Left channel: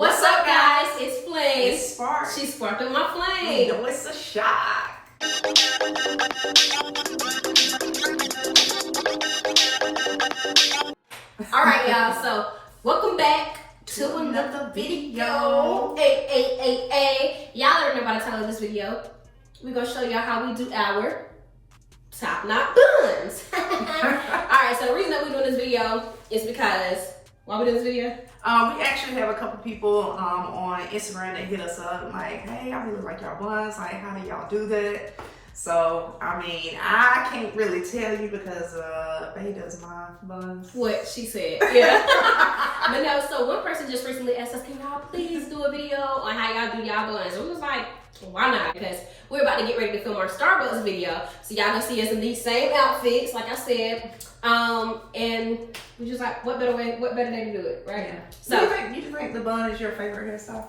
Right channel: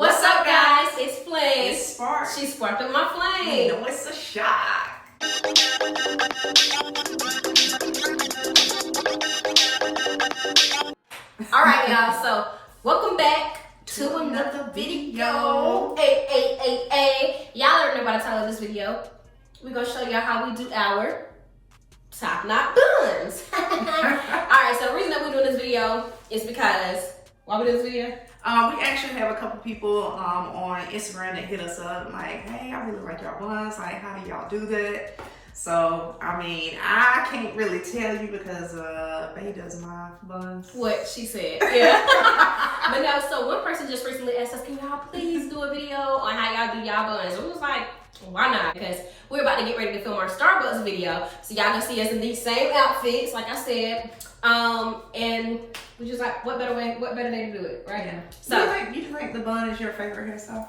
What's up, guys? It's Flame. It's Spark. She's sparking my flame. You know it's a shot. All right, y'all. So welcome back to another video. Hey. Y'all already know by the title of this video. We're gonna show y'all how we do our top knot buns. All right. So the reason that we're doing this video is because why we doing this video? We actually have a couple people on Instagram that hit us up like, hey, I really like y'all buns. Like, how do y'all do that? So, I mean, I can't really tell you because Faye does my buns. What she said. Yeah. But no, so one person just recently asked us, can y'all please do a video on how y'all do y'all buns? And we was like, why not? Because we're about to get ready to film our Starbucks video. So y'all gonna see us in these same outfits, like I said. And we just like, what better day to do it, right? Yeah. So you think the bun is your favorite hairstyle?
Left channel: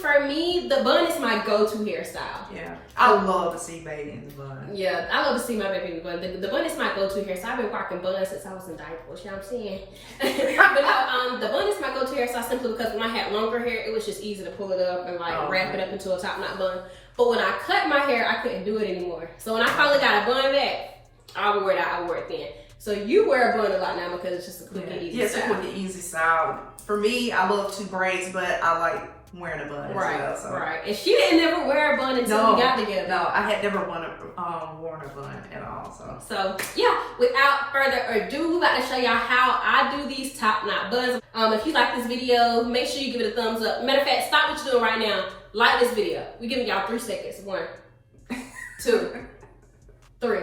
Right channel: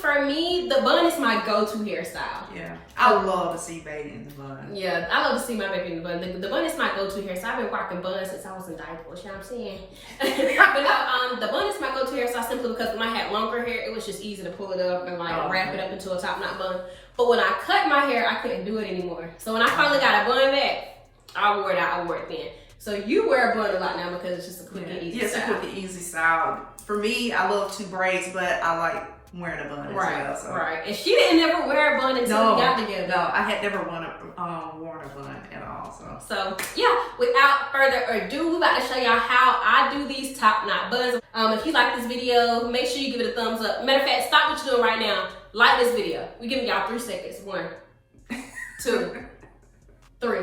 For me, the bun is my go-to hairstyle. Yeah. I love to see baby in the bun. Yeah, I love to see my baby in the bun. The bun is my go-to hairstyle. I've been rocking buns since I was in diapers, you know what I'm saying? But no, the bun is my go-to hairstyle simply because when I had longer hair, it was just easy to pull it up and like wrap it up into a top knot bun. But when I cut my hair, I couldn't do it anymore. So when I finally got a bun back, I wore it then. So you wear a bun a lot now because it's just a quick and easy style. It's a quick and easy style. For me, I love two braids, but I like wearing a bun as well. So. Right. And she didn't never wear a bun until we got together. No, I had never worn a bun at all. So yeah, without further ado, we're about to show y'all how I do these top knot buns. If you like this video, make sure you give it a thumbs up. Matter of fact, stop what you're doing right now. Like this video. We're giving y'all 3 seconds. 1, 2, 3.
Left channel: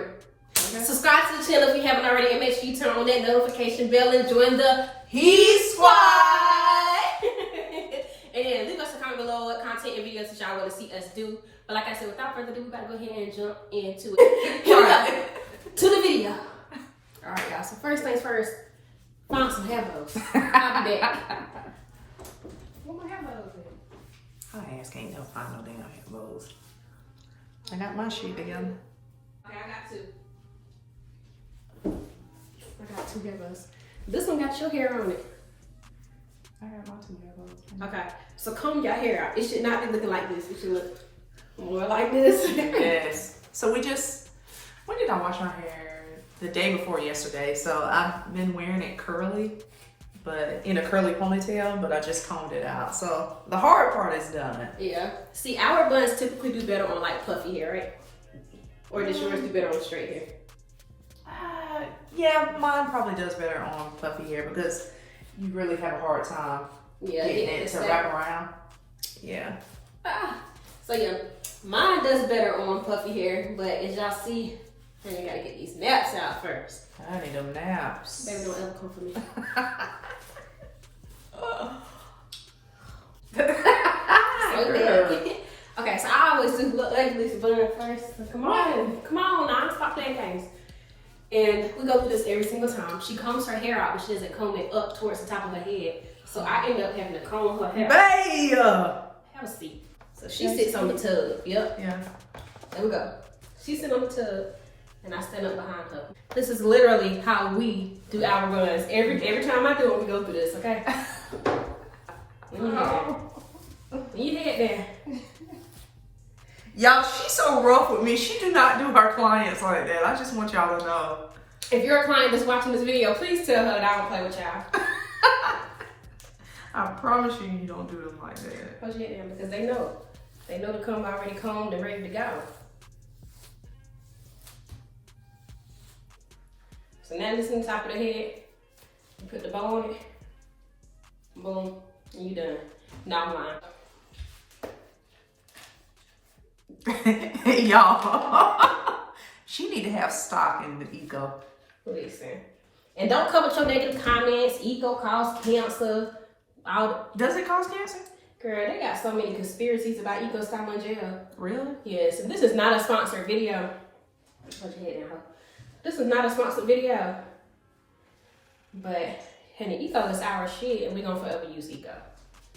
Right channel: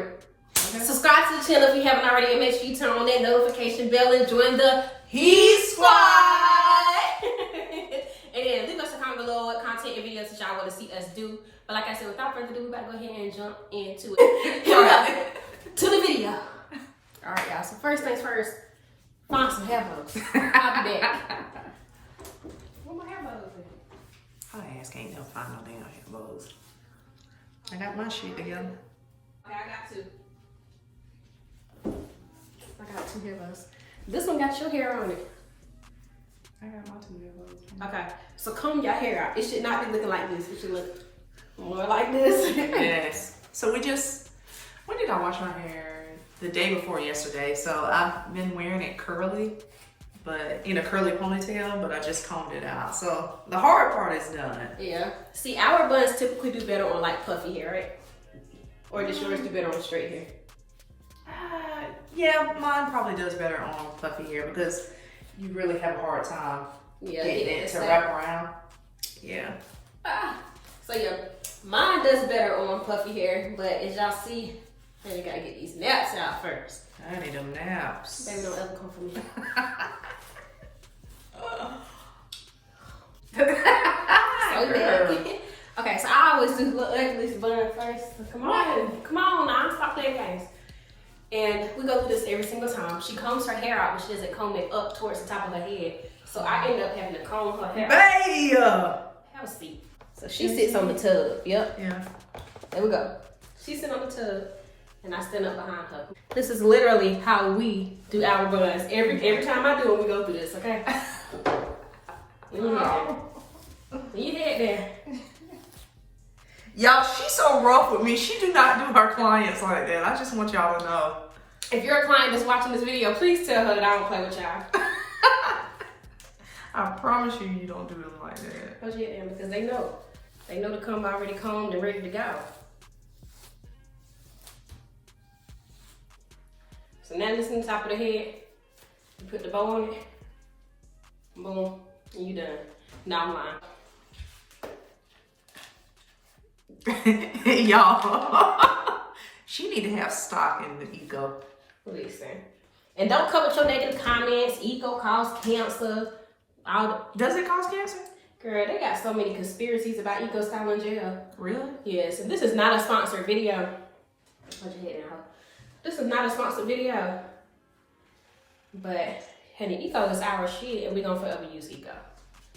Okay. Subscribe to the channel if you haven't already, and make sure you turn on that notification bell and join the Heat Squad. And then leave us a comment below what content and videos that y'all want to see us do. But like I said, without further ado, we gotta go ahead and jump into it. Here we go. To the video. All right, y'all. So first things first, find some hair bows. I'll be back. Where my hair bows at? I ass can't never find no damn hair bows. I got my shit together. Okay, I got 2. I got 2 hair bows. This one got your hair on it. I got my 2 hair bows. Okay, so comb your hair out. It should not be looking like this. It should look more like this. Yes. So when did I wash my hair? The day before yesterday. So I've been wearing it curly, but in a curly ponytail, but I just combed it out. So the hard part is done. Yeah. See, our buns typically do better on like puffy hair, right? Or does yours do better on straight hair? Yeah, mine probably does better on puffy hair because you really have a hard time getting it to wrap around. Yeah. So yeah, mine does better on puffy hair, but as y'all see, you gotta get these naps out first. I need them naps. Baby, don't ever come for me. Okay, so I always do look ugly bun first. Come on now, stop playing games. And we go through this every single time. She combs her hair out, but she doesn't comb it up towards the top of her head. So I end up having to comb her hair. Babe! Have a seat. So she sits on the tub. Yep. Yeah. There we go. She's sitting on the tub, and I stand up behind her. This is literally how we do our buns. Every time I do it, we go through this, okay? You head there. Y'all, she's so rough with me. She do not do her clients like that. I just want y'all to know. If you're a client that's watching this video, please tell her that I don't play with y'all. I promise you don't do them like that. Put your head down because they know. They know to come already combed and ready to go. So now this is the top of the head. You put the bow on it. Boom. And you done. Now I'm lying. Y'all, she need to have stock in the eco. Listen. And don't come with your negative comments. Eco cause cancer. Does it cause cancer? Girl, they got so many conspiracies about eco style in jail. Really? Yes. And this is not a sponsored video. Put your head down. This is not a sponsored video. But honey, eco is our shit, and we're gonna forever use eco.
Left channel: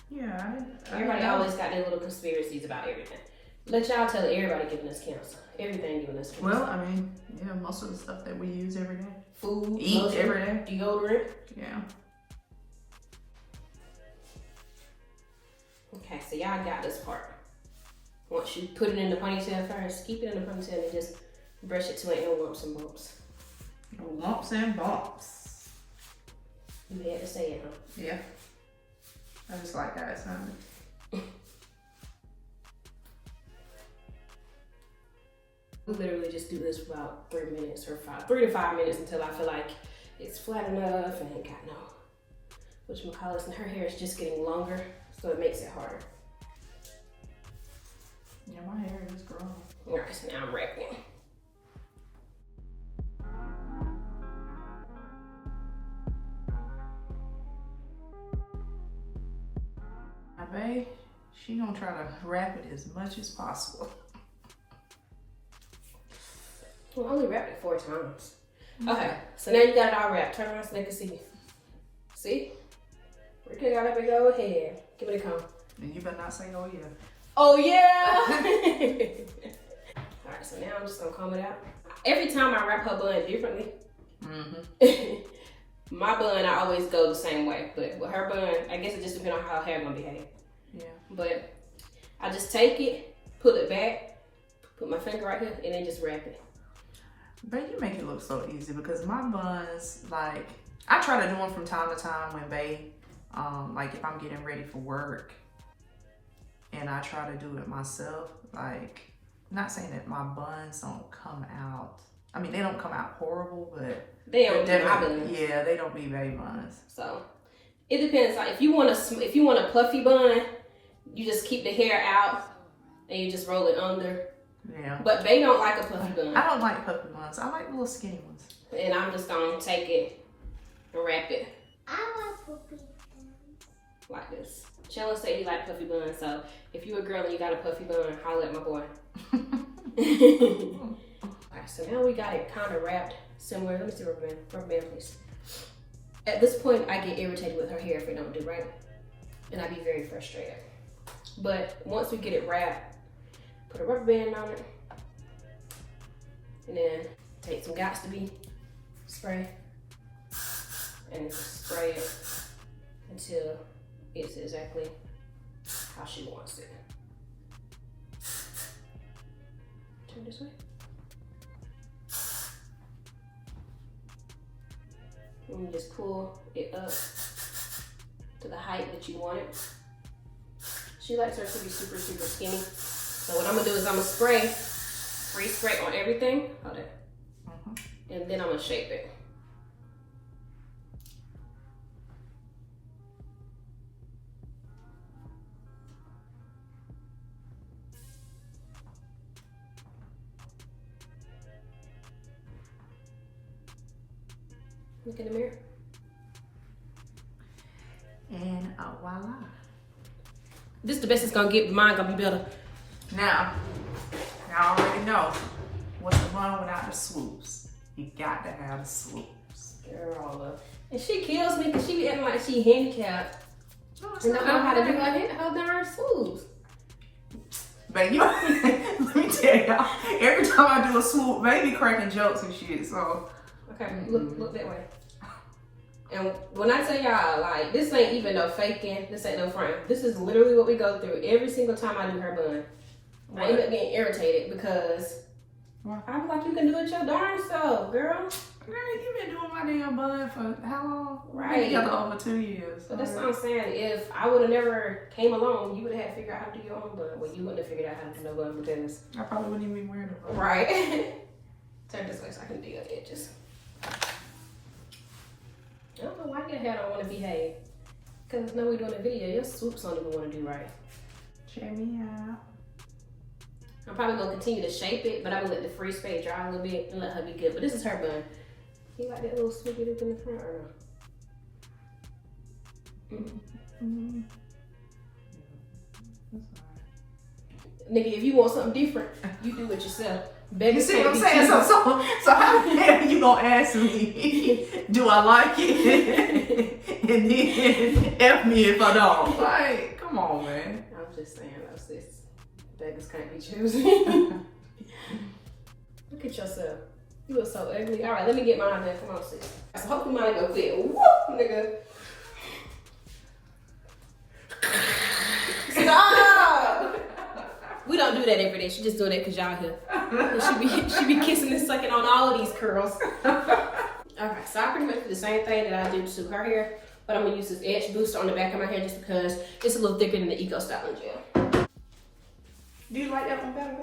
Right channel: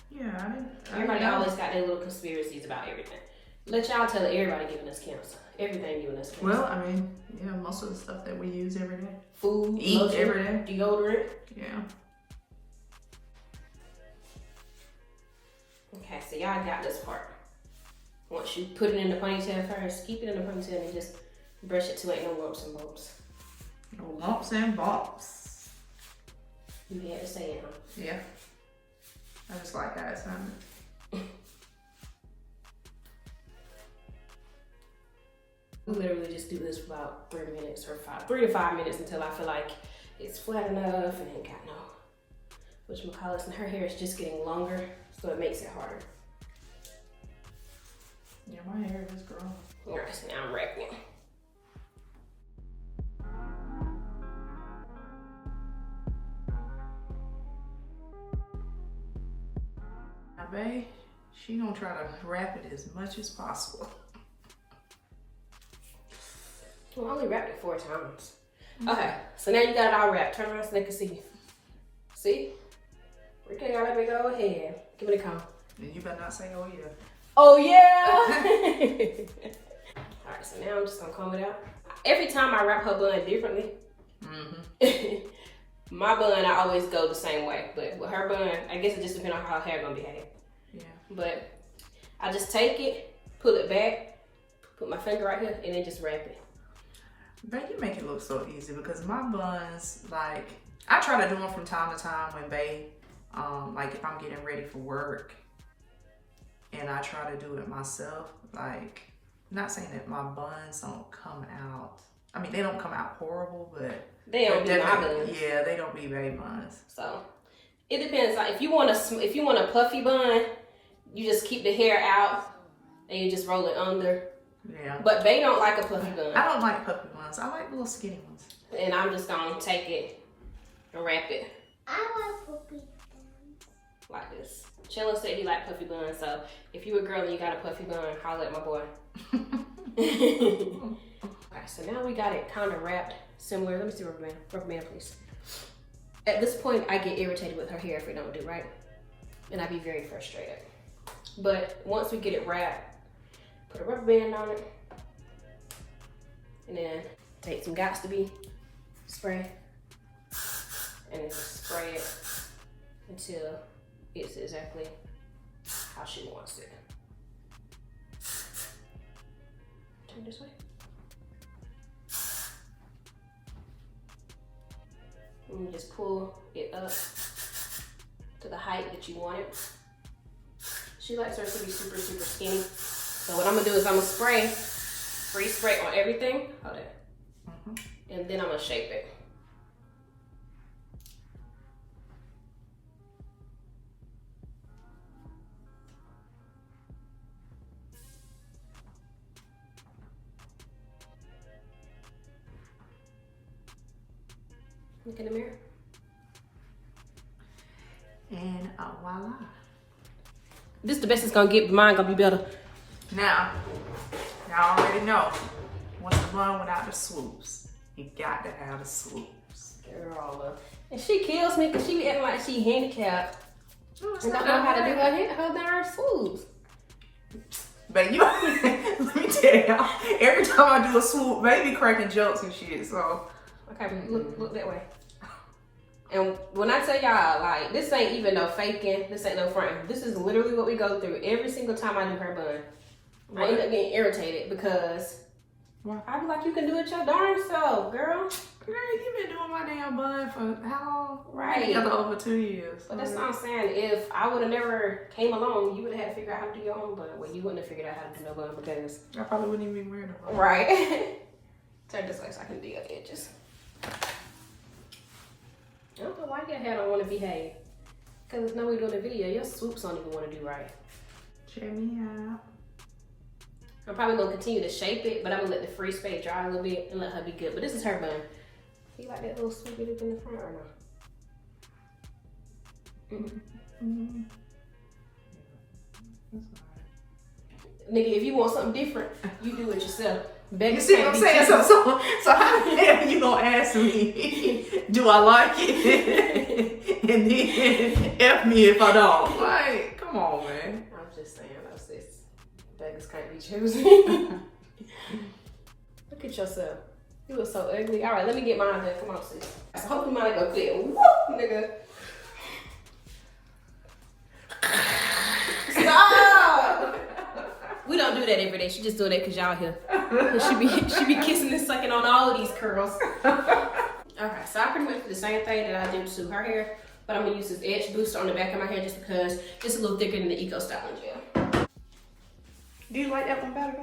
Yeah. Everybody always got their little conspiracies about everything. Let y'all tell everybody giving us cancer. Everything giving us cancer. Well, I mean, yeah, most of the stuff that we use every day. Food, eat lotion, every day. Deodorant. Yeah. Okay, so y'all got this part. Once you put it in the ponytail first, keep it in the ponytail and just brush it to it, no lumps and bumps. No lumps and bumps. You had to say it, huh? Yeah. I just like how it sounded. We literally just do this for about 3 minutes or 3 to 5 minutes until I feel like it's flat enough and it got no whatchamacallits, and her hair is just getting longer, so it makes it harder. Yeah, my hair is growing. Alright, so now I'm wrapping. Now, babe, she gonna try to wrap it as much as possible. Well, I only wrapped it 4 times. Okay, so now you got it all wrapped. Turn around so they can see. See? Ricky got a big old head. Give it a count. And you better not say, oh yeah. Oh yeah! Alright, so now I'm just gonna comb it out. Every time I wrap her bun differently, my bun I always go the same way. But with her bun, I guess it just depends on how her hair gonna behave. Yeah. But I just take it, pull it back, put my finger right here, and then just wrap it. But you make it look so easy because my buns, like, I try to do them from time to time when like if I'm getting ready for work and I try to do it myself. Like, not saying that my buns don't come out. I mean, they don't come out horrible, but they don't be my buns. Yeah, they don't be baby buns. So it depends. Like if you want a puffy bun, you just keep the hair out and you just roll it under. Yeah. But they don't like a puffy bun. I don't like puffy buns. I like little skinny ones. And I'm just gonna take it and wrap it. I like puffy buns. Like this. Chilla said he liked puffy buns, so if you a girl and you got a puffy bun, holler at my boy. Okay, so now we got it kind of wrapped similar. Let me see rubber band, please. At this point, I get irritated with her hair if it don't do right, and I be very frustrated. But once we get it wrapped, put a rubber band on it, and then take some Got2b spray, and spray it until it's exactly how she wants it. Turn this way. And you just pull it up to the height that you want it. She likes her to be super, super skinny. So what I'm gonna do is I'm gonna free spray on everything. Hold it. And then I'm gonna shape it. Look in the mirror. And voila. This is the best it's gonna get, but mine gonna be better. Now, y'all already know what's the bun without the swoops. You got to have the swoops. Girl, and she kills me because she be acting like she handicapped. And don't know how to do her darn swoops. But you, let me tell y'all, every time I do a swoop, baby cracking jokes and shit, so. Okay, look that way. And when I tell y'all, like, this ain't even no faking, this ain't no fronting. This is literally what we go through every single time I do her bun. I end up getting irritated because I'm like, you can do it your darn self, girl. Girl, you been doing my damn bun for how long? Right. Together over 2 years. So that's what I'm saying. If I would have never came along, you would have had to figure out how to do your own bun. Well, you wouldn't have figured out how to do no bun because... I probably wouldn't even be wearing a bun. Right. Turn this way so I can do your edges. I don't know why your hair don't want to behave. Because now we're doing a video, your swoops don't even want to do right. Check me out. I'm probably going to continue to shape it, but I'm going to let the free spray dry a little bit and let her be good. But this is her bun. You like that little swoopy look in the front or no? Nigga, if you want something different, you do it yourself. You see what I'm saying? So how the hell you gonna ask me, do I like it? And then F me if I don't. Like, come on, man. I'm just saying, that's this. Beggars can't be choosy. Look at yourself. You look so ugly. All right, let me get mine done. Come on, sis. So hopefully mine go clear. Whoop, nigga. So don't do that every day. She just do that because y'all here. She be kissing and sucking on all of these curls. Okay, so I pretty much do the same thing that I do to her hair, but I'm gonna use this edge booster on the back of my hair just because it's a little thicker than the Eco Styling Gel. Do you like that one better?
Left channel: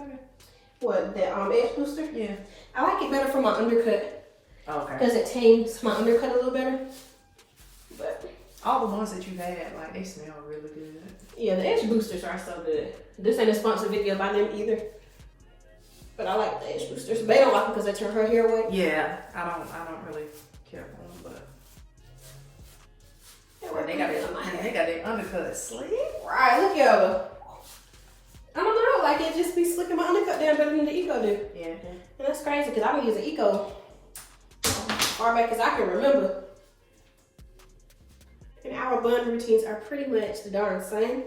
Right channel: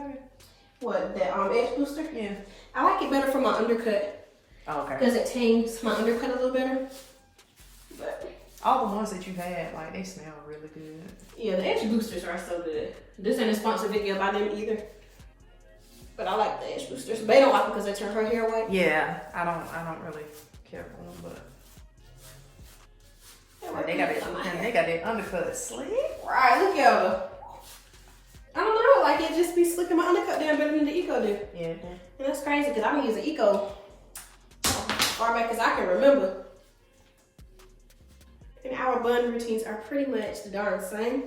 What, the edge booster? Yeah. I like it better for my undercut. Okay. Because it tames my undercut a little better. But all the ones that you had, like, they smell really good. Yeah, the edge boosters are so good. This ain't a sponsored video by them either. But I like the edge boosters. They don't like them because they turn her hair away. Yeah, I don't really care for them, but they got it undercut slick. Right, look at her. I don't know, like it just be slicking my undercut down better than the Eco do. Yeah. And that's crazy because I've been using Eco far back as I can remember. And our bun routines are pretty much the darn same.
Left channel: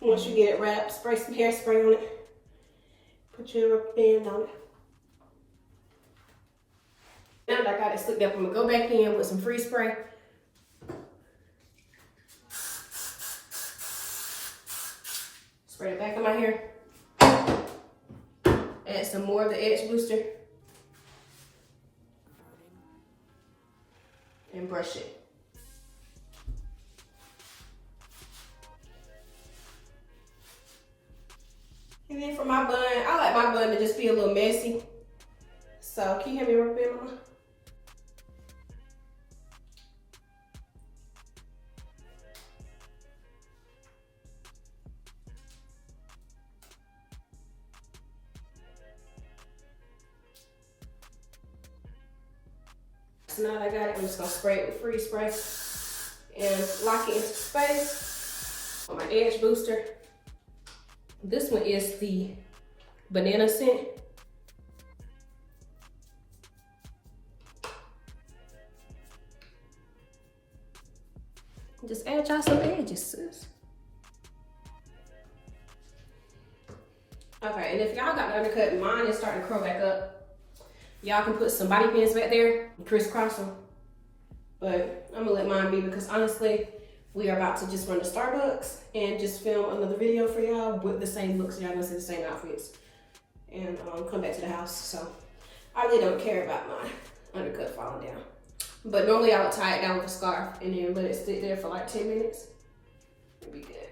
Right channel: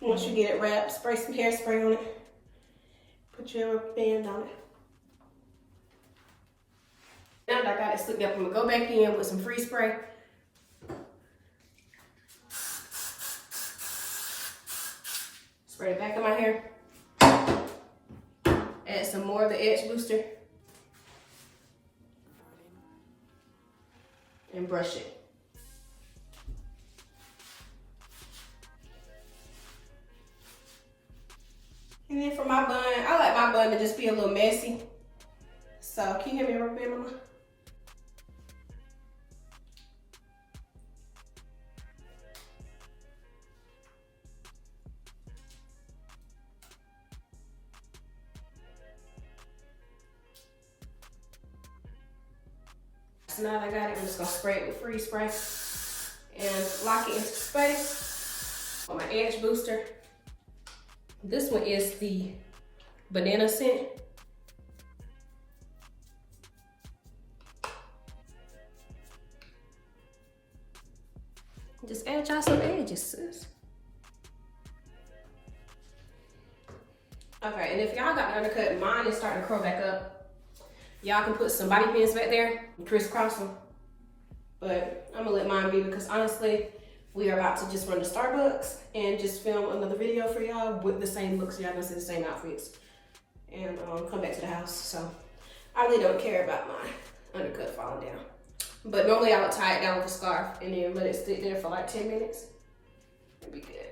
Once you get it wrapped, spray some hairspray on it. Put your band on it. Now that I got it slicked up, I'm gonna go back in with some freeze spray. Spray the back of my hair. Add some more of the edge booster. And brush it. And then for my bun, I like my bun to just be a little messy. So, can you hear me right there, Mama? So now that I got it, I'm just gonna spray it with freeze spray and lock it into space on my edge booster. This one is the banana scent. Just add y'all some edges, sis. Okay, and if y'all got the undercut, mine is starting to curl back up. Y'all can put some bobby pins back there and crisscross them. But I'm gonna let mine be because honestly, we are about to just run to Starbucks and just film another video for y'all with the same looks. Y'all gonna see the same outfits and come back to the house. So I really don't care about my undercut falling down. But normally I would tie it down with a scarf and then let it stick there for like 10 minutes. It'd be good.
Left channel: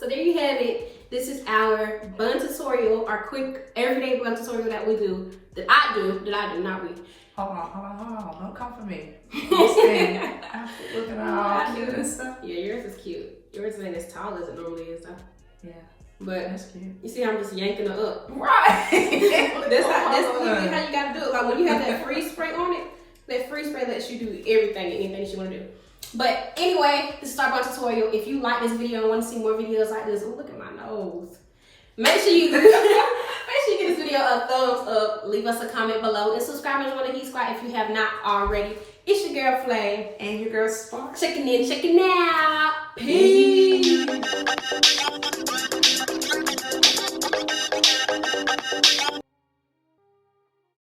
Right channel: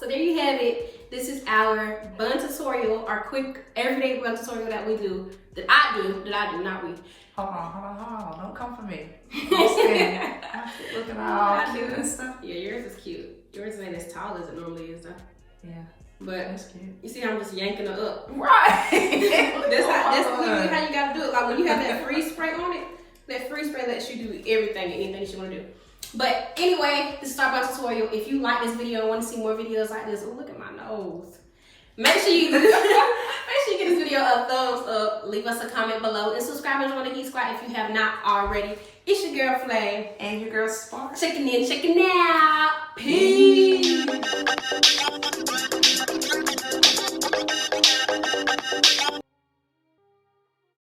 So there you have it. This is our bun tutorial, our quick everyday bun tutorial that we do, that I do, not we. Hold on, don't come for me. Looking all cute and stuff. Yeah, yours is cute. Yours ain't as tall as it normally is though. Yeah. But that's cute. You see I'm just yanking her up. Right. That's literally how you gotta do it. Like when you have that freeze spray on it, that freeze spray lets you do everything and anything that you wanna do. But anyway, this is our bun tutorial. If you like this video and want to see more videos like this, oh look at my nose. Make sure you give this video a thumbs up, leave us a comment below, and subscribe and join the Heat Squad if you have not already. It's your girl Flame. And your girl Spark. Checking in, checking out. Peace.